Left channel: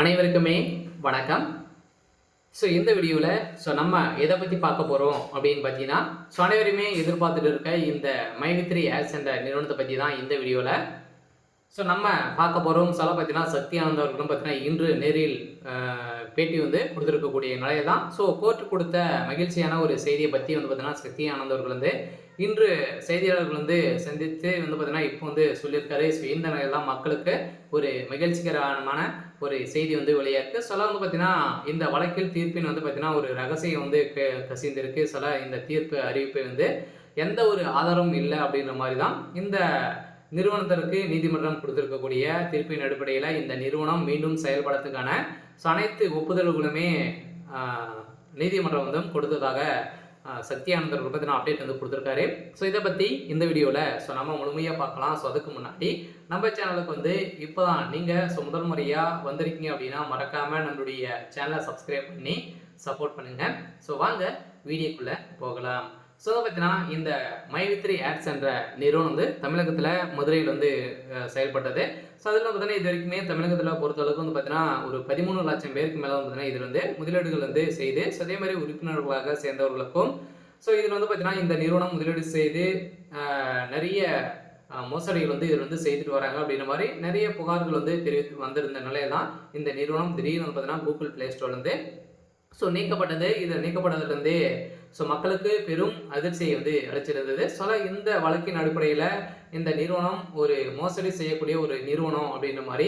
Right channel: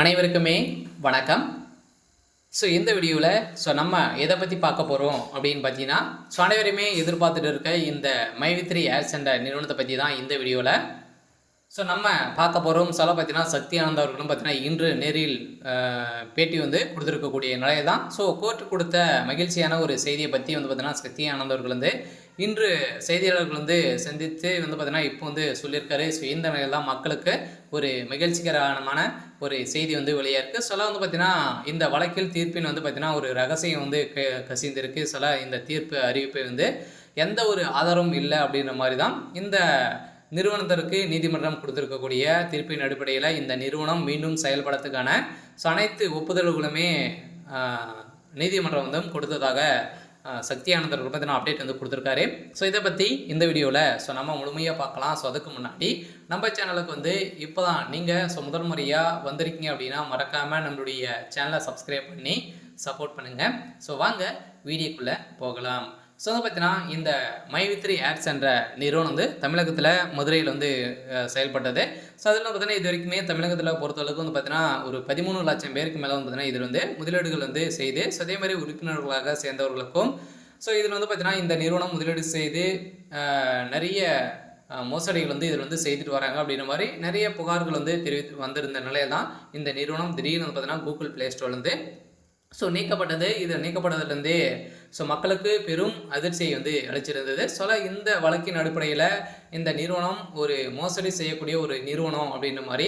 அனைவருக்குமே வணக்கம். இந்த வீடியோவில் நம்ம எதை பற்றி பார்க்க போகிறோம் அப்படின்னு பார்த்தீங்கன்னா, அனைவருமே எதிர்பார்த்துட்டு இருக்க இந்த மை3 ஆட்ஸ் என்ற நிறுவனத்தை பற்றி தான் இந்த வீடியோவில் நம்ம பார்க்க போகிறோம். பார்த்தீங்கன்னா சக்தி ஆனந்த் அவர்களும் பார்த்தீங்கன்னா இன்று நேரில் பேட்டி கொடுத்துருக்கக்கூடிய நிலையை தான். கோர்ட் கொடுத்த மகிழ்ச்சியான ஒரு செய்தியை பற்றி பார்த்தீங்கன்னா சக்தி ஆனந்த் அவர்கள் இன்று செய்தியாளர்கள் சந்தித்து பார்த்தீங்கன்னா இப்போ சொல்லியிருக்காரு. இந்த நிலையில் தான் மக்களுக்கு ஒரு மகிழ்ச்சிகரமான ஒரு செய்தி வெளியாக இருக்குது. பார்த்தீங்கன்னா இந்த வழக்கில் தீர்ப்பின் பார்த்தீங்கன்னா ஒரு ரகசியம் கசிந்திருக்கு. இந்த தீர்ப்பு அறிவிப்பை எந்த ஒரு ஆதாரமும் இல்லை அப்படின்ற மாதிரி தான் இந்த நிறுவனத்திற்கு நீதிமன்றம் கொடுத்திருக்கக்கூடிய தீர்ப்பின் அடிப்படையில் இந்த நிறுவனம் மீண்டும் செயல்படுறதுக்கான அனைத்து ஒப்புதல்களுமே நீதிமன்றம் கொடுத்ததாக சக்தி ஆனந்தர் பார்த்தீங்கன்னா அப்டேட் கொடுத்துருக்காரு. இதை பற்றி இந்த வீடியோவில் நம்ம முழுமையாக பார்க்கலாம். அதுக்கு முன்னாடி நம்ம சேனலுக்கு இப்போ தான் நீங்கள் முதல் முறையாக வந்திருக்கீங்க அப்படின்னா மறக்காமல் நம்மளுடைய சேனலை சப்ஸ்கிரைப் பண்ணி சப்போர்ட் பண்ணுங்கள். வாங்க வீடியோக்குள்ளே போகலாம். பார்த்தீங்கன்னா இந்த மை3 ஆட்ஸ் என்ற நிறுவனம் தமிழகத்தில் மதுரையில் செயல்பட்டது. அதில் பார்த்தீங்கன்னா இது வரைக்குமே தமிழகத்தில் பொறுத்தளவுக்கு பார்த்தீங்கன்னா ஒரு 13 லட்சம் பேருக்கு மேலே பார்த்தீங்கன்னா இதில் முதலீடுகள் செய்து அதே மாதிரி உறுப்பினர்களாக சேர்ந்தவர்களுக்கும் இதில் பார்த்தீங்கன்னா இந்த நிறுவனம் முதலீடு செய்து நிறைய மோசடிகள் இதில் செய்துட்டு வராங்க அப்படின்ற மாதிரி நிறைய புகார்கள் தெரிவித்து வந்திருந்த நிலையில் தான் இந்த நிறுவனம் திடீர்னு பார்த்தீங்கன்னா கூகுள் ப்ளே ஸ்டோர்லேருந்து நீக்கப்பட்டது. இது நீக்கப்பட்டதுலேருந்தே மக்களுக்கு பெரும் அதிர்ச்சியை அளிச்சிருந்தது. இந்த வழக்கின் அடிப்படையில் இந்த நிறுவனம் ஒரு மோசடி செய்யக்கூடிய ஒரு நிறுவனம் அப்படின்ற மாதிரி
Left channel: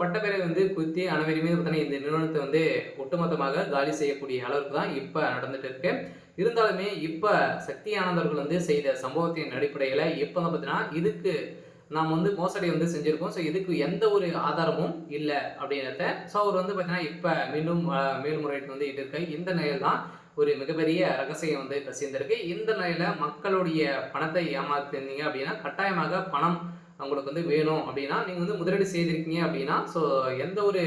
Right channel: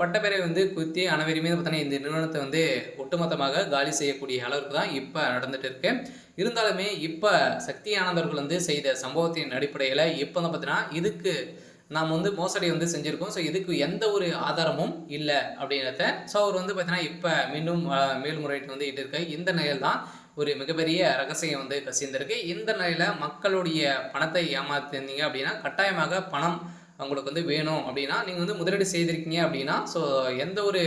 பட்டப்பேரை குத்தி அனைவருமே பார்த்தீங்கன்னா இந்த நிறுவனத்தை ஒட்டுமொத்தமாக காலி செய்யக்கூடிய அளவுக்கு தான் இப்போ நடந்துட்டு இருக்கு. இருந்தாலுமே இப்போ சக்தி ஆனந்தர்கள் செய்த சம்பவத்தின் அடிப்படையில் இப்போ பார்த்தீங்கன்னா இதுக்கு நாம் மோசடி செஞ்சுருக்கோம். இதுக்கு எந்த ஒரு ஆதாரமும் இல்லை அப்படின்றத அவர் பார்த்தீங்கன்னா இப்போ மீண்டும் மேல்முறையீட்டு இட்டு இருக்கு. இந்த நிலையில் தான் ஒரு மிகப்பெரிய ரகசியம் கசிந்திருக்கு. இந்த நிலையில் மக்களுடைய பணத்தை ஏமாத்திருந்தீங்க அப்படின்னா கட்டாயமாக பணம் உங்களுக்கு வேணும் அப்படின்னா நீங்கள் முதலீடு செய்திருக்கீங்க அப்படின்னா எந்த ஒரு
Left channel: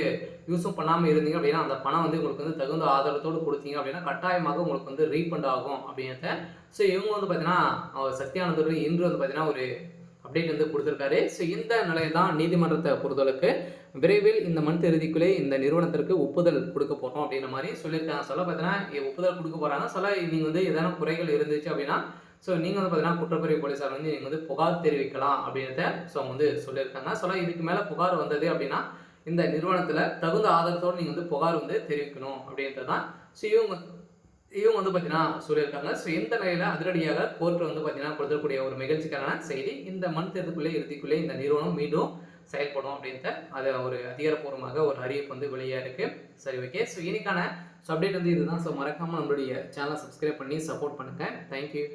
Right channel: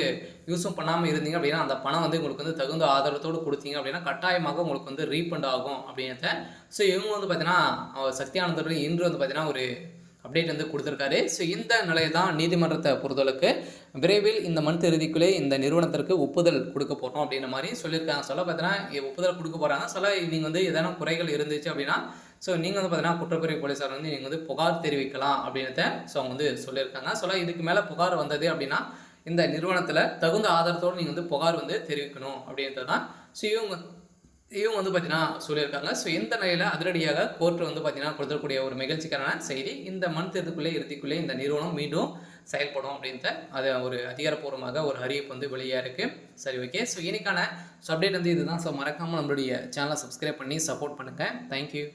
யூஸும் பண்ணாமல் இருந்தீங்க அப்படின்னா அந்த பணம் உங்களுக்கு தகுந்த ஆதாரத்தோடு கொடுத்தீங்க அப்படின்னா கட்டாயமாக உங்களுக்கு ரீஃபண்ட் ஆகும் அப்படின்றத இவங்க பார்த்தீங்கன்னா சக்தி ஆனந்தர்கள் இன்று பார்த்தீங்கன்னா ஒரு அப்டேட் கொடுத்துருக்காரு. இந்த நிலையை தான் நீதிமன்றத்தை பொறுத்தளவுக்கு விரைவில் இந்த மந்த் இறுதிக்குள்ளே இந்த நிறுவனத்திற்கு ஒப்புதல் கொடுக்க போகிறோம் அப்படின்ற மாதிரி சொல்லியிருக்காங்க. பார்த்தீங்கன்னா ஒப்புதல் கொடுக்க போகிறாங்க. நீங்கள் எதனா குறைகள் இருந்துச்சு அப்படின்னா நீங்கள் பார்த்தீங்கன்னா குற்றப்பிரிவு போலீஸார் நீங்கள் புகார் தெரிவிக்கலாம் அப்படின்றத அவங்க சொல்லியிருக்காங்க. இதுக்கு மேலே புகார் வந்தது அப்படின்னா இந்த நிறுவனத்தில் தகுந்த ஆதாரத்தோடு நீங்கள் புகார் தெரிவிக்கணும் அப்படின்றது தான் இவங்க பார்த்தீங்கன்னா சொல்லியிருக்காங்க. இந்த நிலையில் அதிரடியாக கோர்ட் பார்த்தீங்கன்னா கொடுத்துக்கூடிய ஒரு மகிழ்ச்சிக்கான செய்தி. இந்த மந்த் இறுதிக்குள்ளே இந்த நிறுவனம் மீண்டும் செயல்படும் அப்படின்ட்டு அதை ஒரு அதிகாரப்பூர்வமாக ஒரு அறிவிப்பு வெளியாக இருக்குது. சரி, ஓகே. இன்னைக்கான அப்டேட் இதுதான். மறக்காமல் நம்மளுடைய சேனலை சப்ஸ்கிரைப் பண்ணி சப்போர்ட் பண்ணுங்கள். தேங்க்யூ.